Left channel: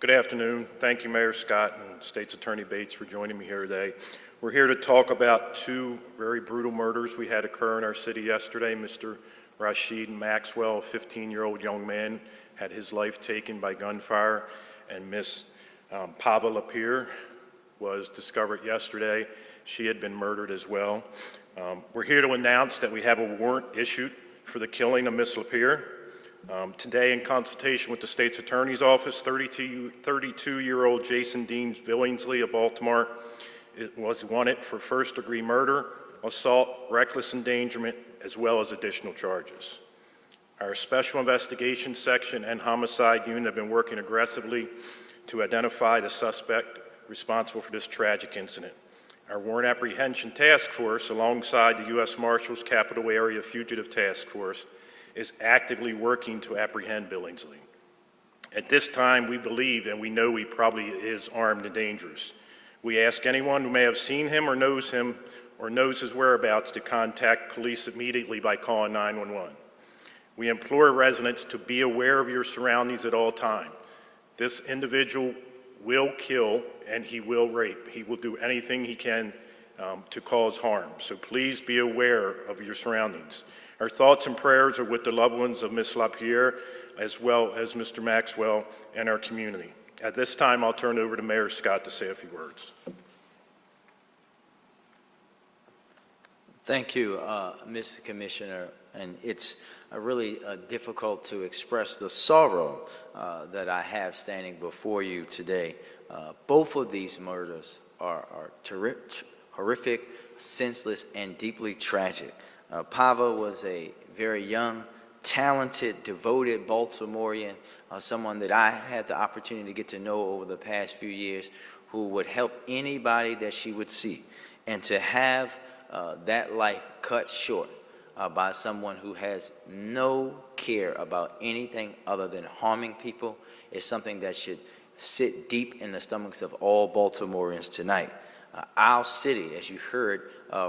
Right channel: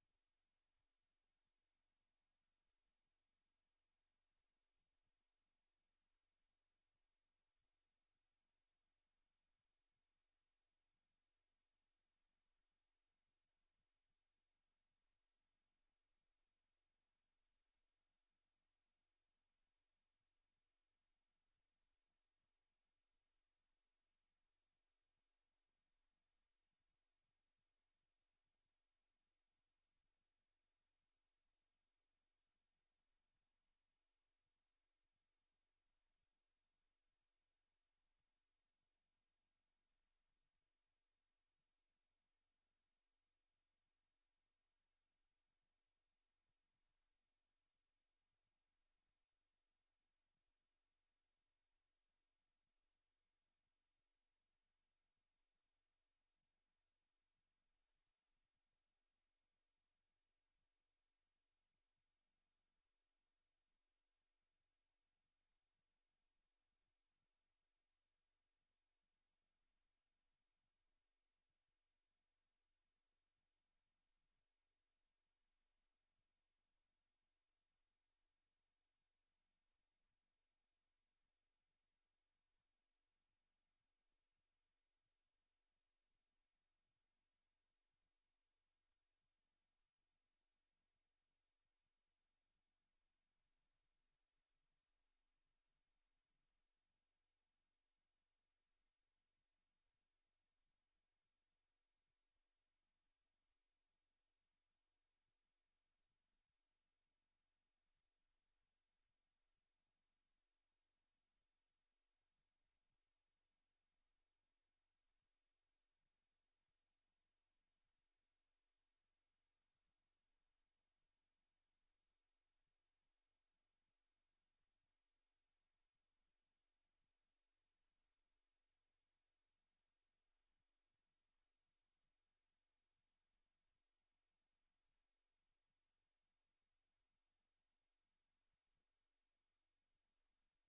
Good afternoon. Thank you, Mayor Scott and State's Attorney Bates, for joining me here today. We're here to talk about two very brutal murders we had occur in our city yesterday. Mr. Rashid Maxwell, a 15-year-old young man, had his life taken by gunfire, and Miss Pava Lapierre was discovered yesterday. She had been murdered as well. We're here to announce that we have a warrant issued for the killing of Miss Lapierre. Today, in consultation with the State's Attorney's Office, 32-year-old Jason Dean Billingsley of Baltimore was wanted for first-degree murder, assault, reckless endangerment, as well as additional charges. Our Special Investigations Section and Homicide Unit have been working aggressively to identify the suspect responsible for this tragic incident. Our Warrant Apprehension Task Force, alongside the U.S. Marshals Capital Area Fugitive Task Force, is actively working to apprehend Billingsley. At this time, we believe and we know he probably is armed and dangerous. We ask anyone who may have seen him or knows his whereabouts to contact police immediately by calling 911. We implore residents to be aware of your surroundings at all times. This individual will kill and he will rape. He will do anything he can to cause harm. So please be aware of your surroundings. Our thoughts and prayers are with the loved ones of Ms. Lapierre, as well as Mr. Maxwell and our community. At this time, I'll turn it over to Mayor Scott to say a few words. Thank you, Mr. Commissioner. And it's really difficult to express the sorrow that I have standing before you today. Both of these murders are horrific, senseless, and deeply tragic. Pava was a very young, talented, devoted Baltimorean, someone that I had the opportunity to get to know over the past few years, who would help anybody that she would see. And to have that life cut short by someone who has no care about anything other than harming people is something that should sit deep in the stomachs of all Baltimoreans tonight. Our city, as you heard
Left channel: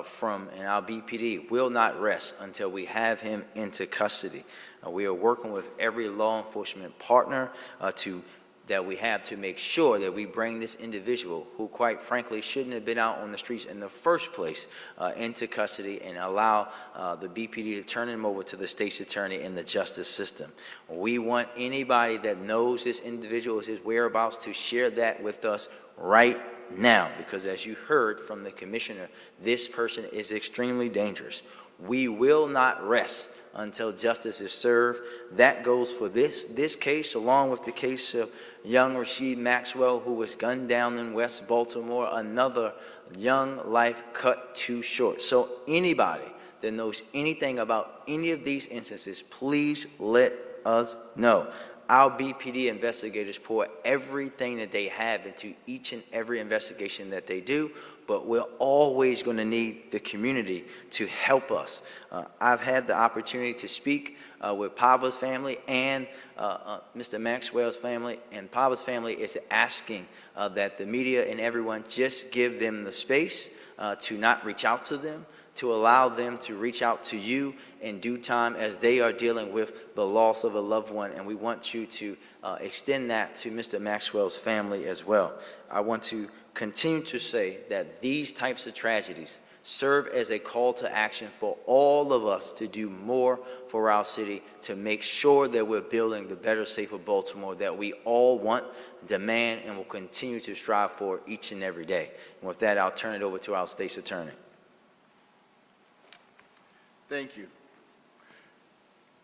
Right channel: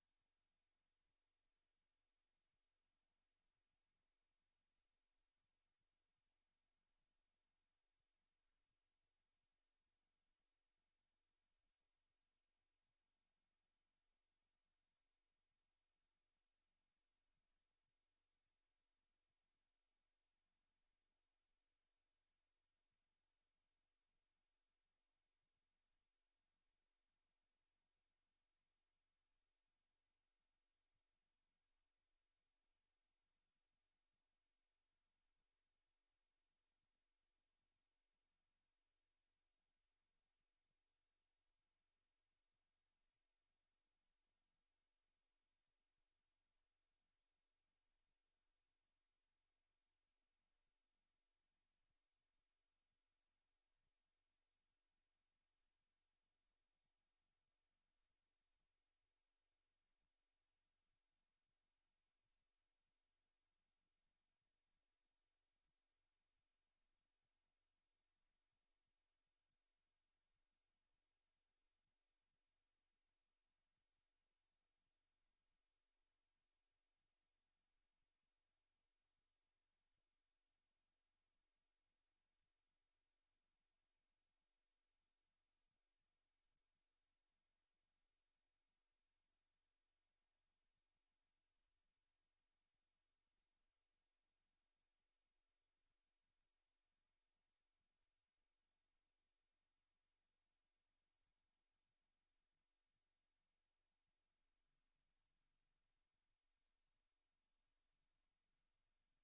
from, and our BPD, will not rest until we have him into custody. We are working with every law enforcement partner that we have to make sure that we bring this individual, who quite frankly shouldn't have been out on the streets in the first place, into custody, and allow the BPD to turn him over to the state's attorney and the justice system. We want anybody that knows this individual, his whereabouts, to share that with us right now, because as you heard from the commissioner, this person is extremely dangerous. We will not rest until justice is served. That goes for this case, along with the case of young Rashid Maxwell, who was gunned down in West Baltimore, another young life cut too short. So anybody that knows anything about any of these instances, please let us know. Our BPD investigators pour everything that they have into each and every investigation that they do, but we're always going to need the community to help us. I've had the opportunity to speak with Pava's family and Mr. Maxwell's family, and Pava's family is asking that the media and everyone just give them the space to not reach out to them, to allow them to reach out to you in due time as they are dealing with the loss of a loved one. And we want you to extend that to Mr. Maxwell's family as well. I want to continue to say that these types of tragedies serve as a call to action for all of us to do more for our city, to make sure that we're building the better, safer Baltimore that we all want, demand, and will continue to strive for each and every day. And with that, I'll turn it over to our state's attorney. Thank you.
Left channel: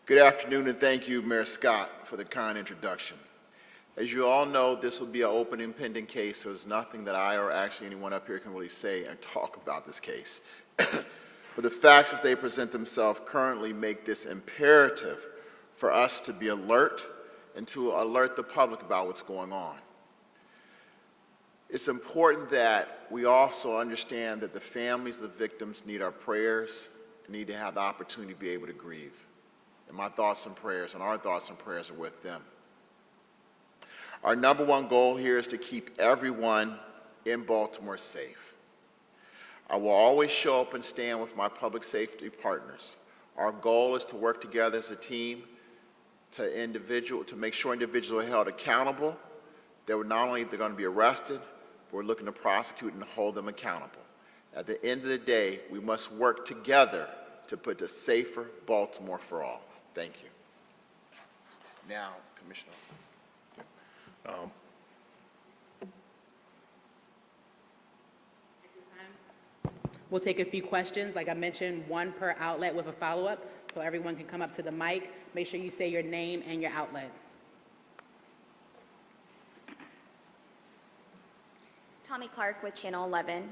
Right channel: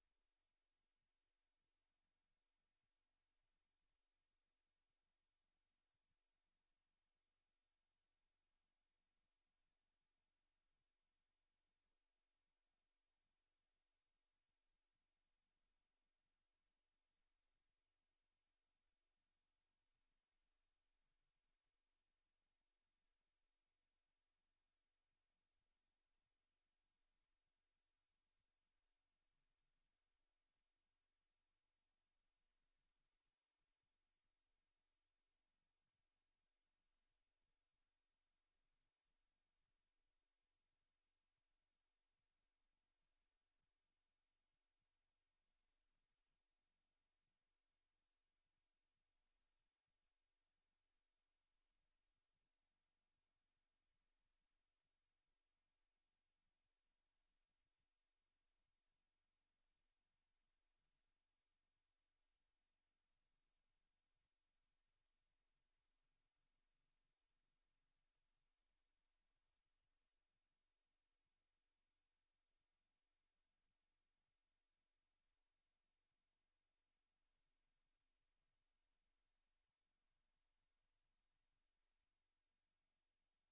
Good afternoon, and thank you, Mayor Scott, for the kind introduction. As you all know, this will be an open and pending case, so there's nothing that I or actually anyone up here can really say and talk about this case. But the facts as they present themselves currently make this imperative for us to be alert and to alert the public about what's going on. It's important that we also understand that the families of the victims need our prayers, need to have the opportunity to be able to grieve. And my thoughts and prayers, and our thoughts and prayers are with them. Our number one goal here is to keep everyone in Baltimore safe. I will always show up and stand with my public safety partners. Our goal is to work together as a team to make sure individuals are held accountable, They were not only they're going to be arrested, but we're looking to prosecute and hold them accountable. At the end of the day, we must work together to put a safer Baltimore for all. Thank you. Now, Commissioner. We'll take a few questions. Like I mentioned, one per outlet with a follow-up, so everyone can come up to the mic. Make sure you say your name and your outlet. Tommy Clark with Channel 11.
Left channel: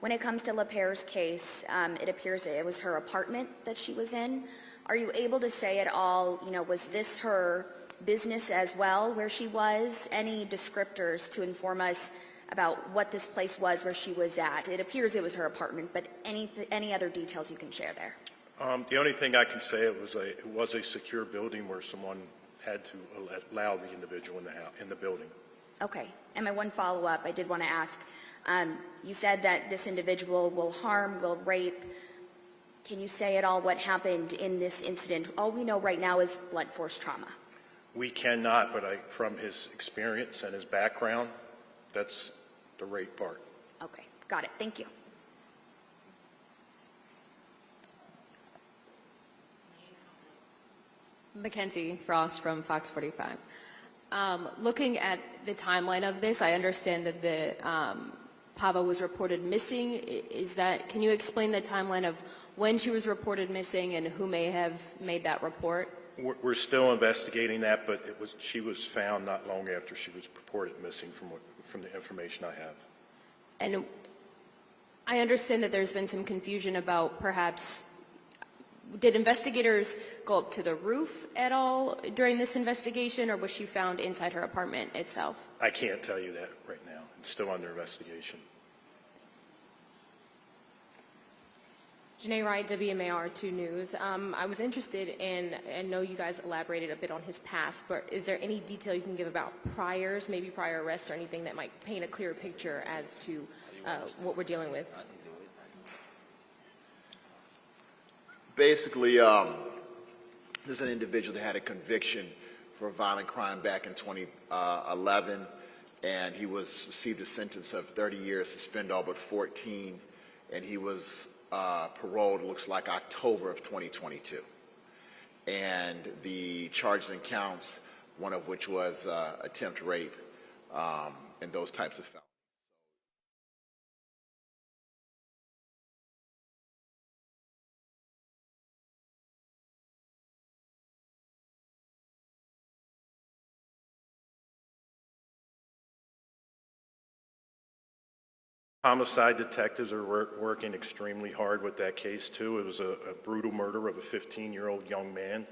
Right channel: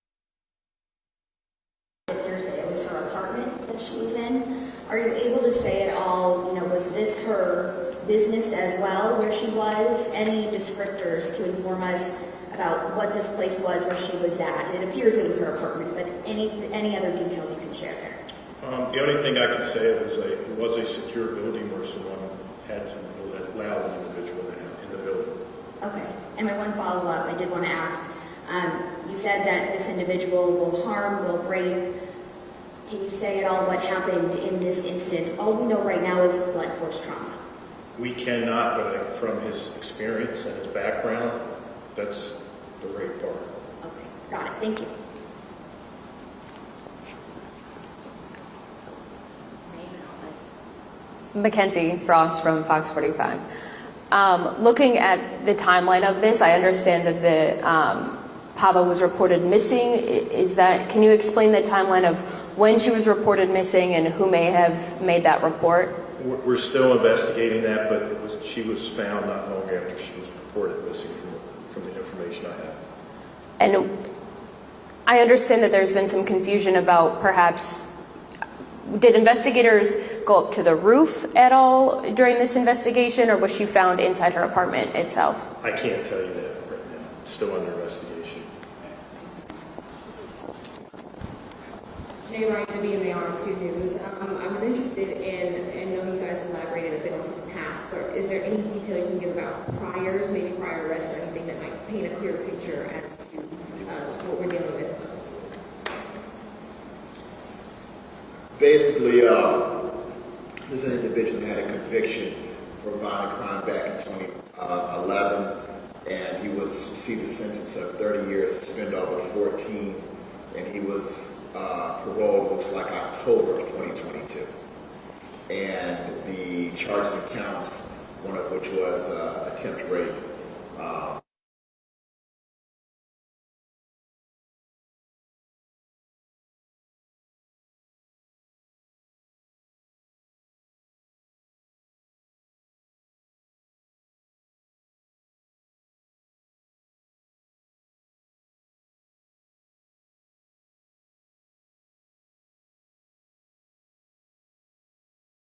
When it comes to LaPere's case, it appears that it was her apartment that she was in. Are you able to say at all, was this her business as well where she was? Any descriptors to inform us about what this place was where she was at? It appears it was her apartment, but any other details you can share there? The only thing I can say, it was a secure building where someone had to allow the individual in the building. Okay. And my one follow-up, I did want to ask, you said that this individual will harm, will rape. Can you say at all what happened in this incident? All we know right now is blunt force trauma. We cannot, but from his experience and his background, that's the rape part. Okay, got it. Thank you. Mackenzie Frost from Fox 45. Looking at the timeline of this, I understand that the Pava was reported missing. Can you explain the timeline of when she was reported missing and who may have made that report? We're still investigating that, but she was found not long after she was reported missing from the information I have. And I understand that there's been some confusion about perhaps, did investigators go up to the roof at all during this investigation, or was she found inside her apartment itself? I can't tell you that right now. It's still under investigation. Jay Ryan, WMAR 2 News. I was interested in, and know you guys elaborated a bit on his past, but is there any detail you can give about priors, maybe prior arrests or anything that might paint a clear picture as to what we're dealing with? Basically, this individual had a conviction for violent crime back in 2011, and he received a sentence of 30 years, suspended over 14, and he was paroled, looks like October of 2022. And the charged accounts, one of which was attempt rape and those types of felonies. Homicide detectives are working extremely hard with that case, too. It was a brutal murder of a 15-year-old young man.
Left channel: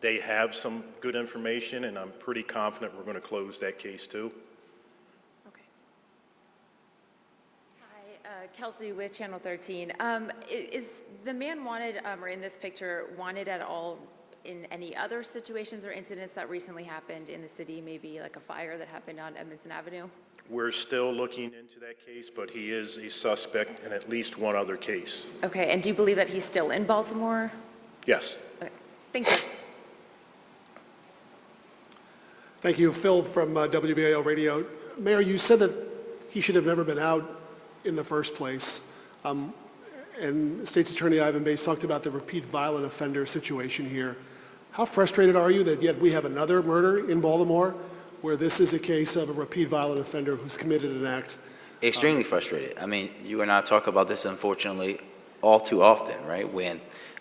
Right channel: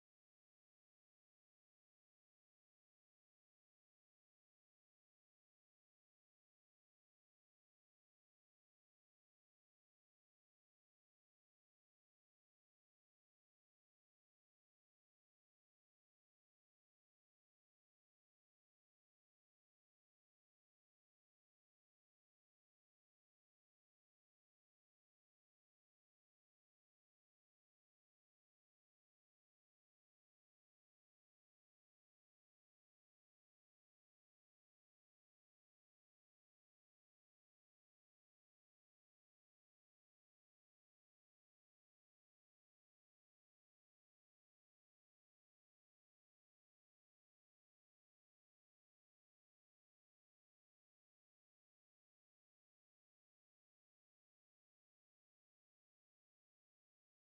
They have some good information, and I'm pretty confident we're going to close that case, too. Okay. Hi, Kelsey with Channel 13. Is the man wanted, or in this picture, wanted at all in any other situations or incidents that recently happened in the city, maybe like a fire that happened on Edmondson Avenue? We're still looking into that case, but he is a suspect in at least one other case. Okay, and do you believe that he's still in Baltimore? Yes. Okay, thank you. Thank you. Phil from WBAL Radio. Mayor, you said that he should have never been out in the first place. And State's Attorney Ivan Bates talked about the repeat violent offender situation here. How frustrated are you that yet we have another murder in Baltimore where this is a case of a repeat violent offender who's committed an act? Extremely frustrated. I mean, you and I talk about this, unfortunately, all too often, right? When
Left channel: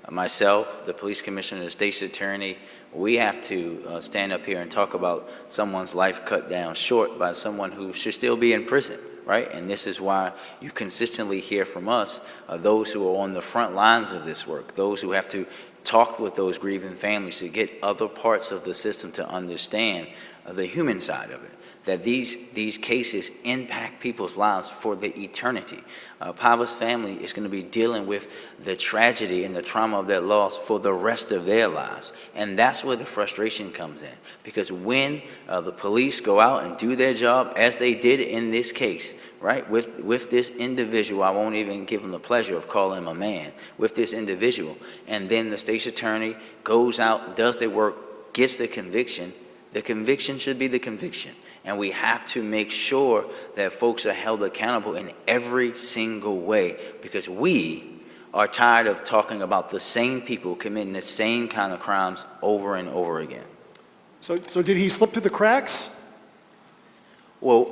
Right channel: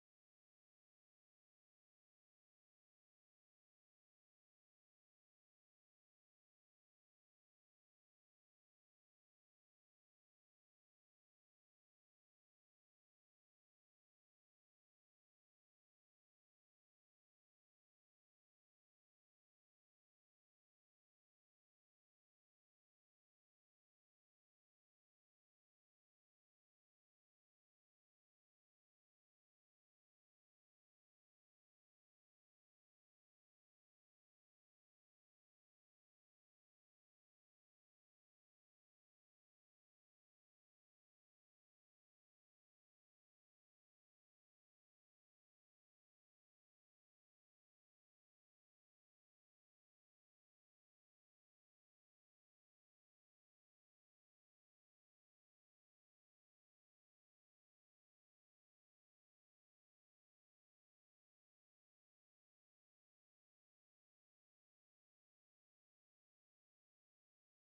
myself, the police commissioner, the state's attorney, we have to stand up here and talk about someone's life cut down short by someone who should still be in prison, right? And this is why you consistently hear from us, those who are on the front lines of this work, those who have to talk with those grieving families to get other parts of the system to understand the human side of it, that these cases impact people's lives for the eternity. Pava's family is going to be dealing with the tragedy and the trauma of that loss for the rest of their lives. And that's where the frustration comes in. Because when the police go out and do their job, as they did in this case, right, with this individual, I won't even give him the pleasure of calling him a man, with this individual, and then the state's attorney goes out, does their work, gets the conviction should be the conviction. And we have to make sure that folks are held accountable in every single way, because we are tired of talking about the same people committing the same kind of crimes over and over again. So did he slip through the cracks? Well,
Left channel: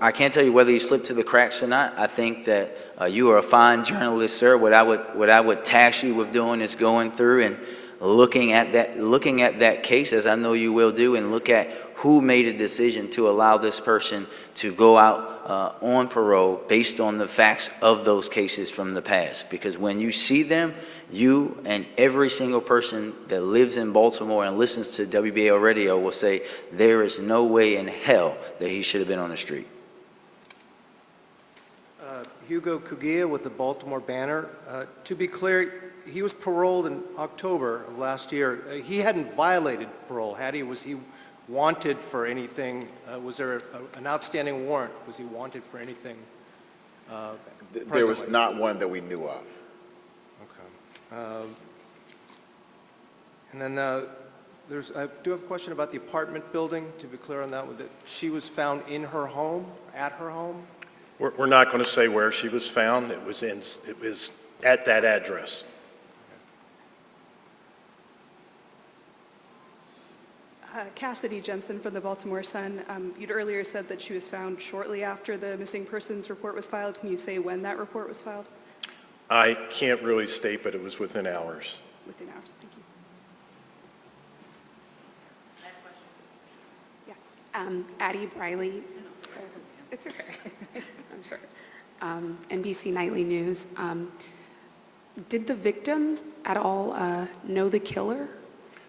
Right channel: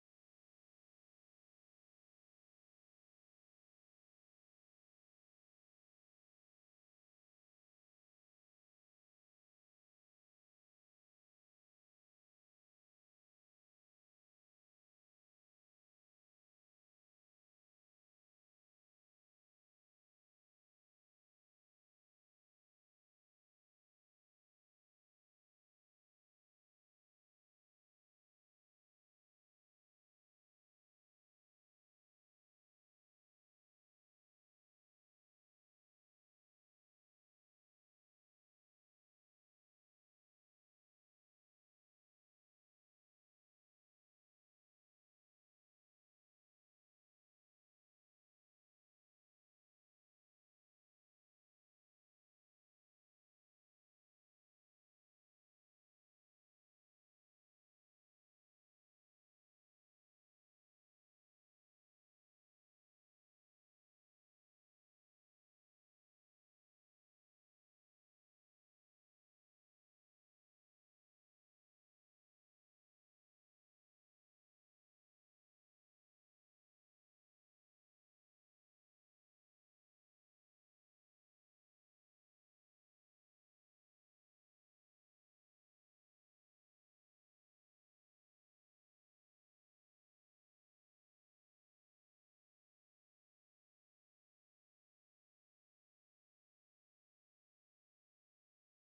I can't tell you whether he slipped through the cracks or not. I think that you are a fine journalist, sir. What I would task you with doing is going through and looking at that case, as I know you will do, and look at who made a decision to allow this person to go out on parole based on the facts of those cases from the past. Because when you see them, you and every single person that lives in Baltimore and listens to WBAL radio will say there is no way in hell that he should have been on the street. Hugo Cugia with the Baltimore Banner. To be clear, he was paroled in October of last year. He hadn't violated parole, had he? Was he wanted for anything? Was there an outstanding warrant? Was he wanted for anything? There was presently? not one that we knew of. And then I do have a question about the apartment building, to be clear on that, that she was found in her home, at her home? We're not going to say where she was found. It was at that address. Cassidy Jensen from the Baltimore Sun. You'd earlier said that she was found shortly after the missing persons report was filed. Can you say when that report was filed? I can't really state, but it was within hours. Within hours. Thank you. Yes. Addie Briley. It's okay. I'm sorry. NBC Nightly News. Did the victims at all know the killer?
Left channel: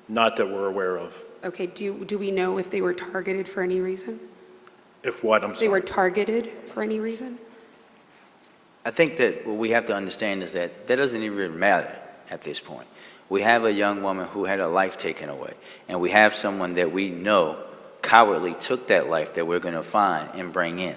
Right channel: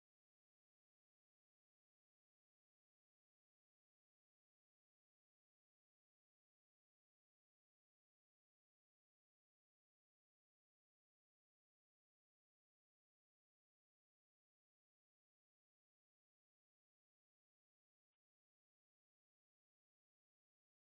Not that we're aware of. Okay. Do we know if they were targeted for any reason? If what, I'm sorry? They were targeted for any reason? I think that what we have to understand is that doesn't even matter at this point. We have a young woman who had her life taken away, and we have someone that we know cowardly took that life that we're going to find and bring in.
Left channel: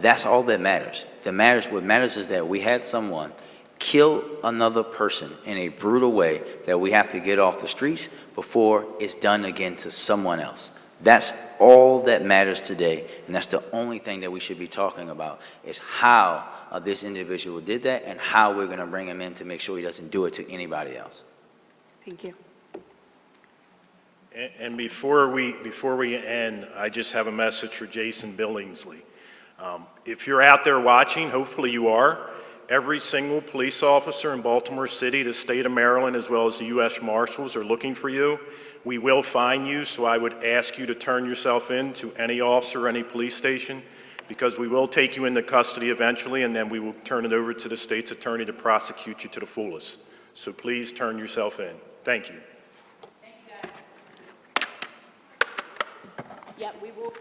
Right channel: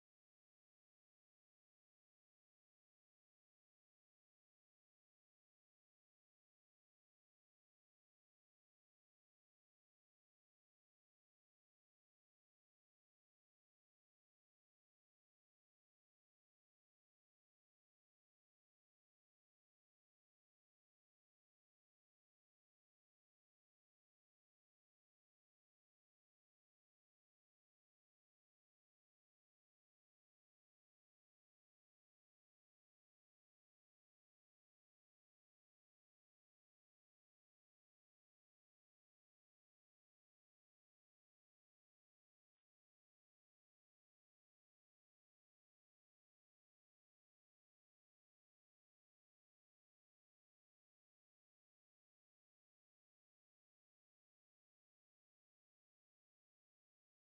That's all that matters. What matters is that we had someone kill another person in a brutal way that we have to get off the streets before it's done again to someone else. That's all that matters today, and that's the only thing that we should be talking about, is how this individual did that and how we're going to bring him in to make sure he doesn't do it to anybody else. Thank you. And before we end, I just have a message for Jason Billingsley. If you're out there watching, hopefully you are, every single police officer in Baltimore City, the state of Maryland, as well as the U.S. Marshals are looking for you. We will find you, so I would ask you to turn yourself in to any officer, any police station, because we will take you into custody eventually, and then we will turn it over to the state's attorney to prosecute you to the fullest. So please turn yourself in. Thank you. Thank you, guys. Yep, we will.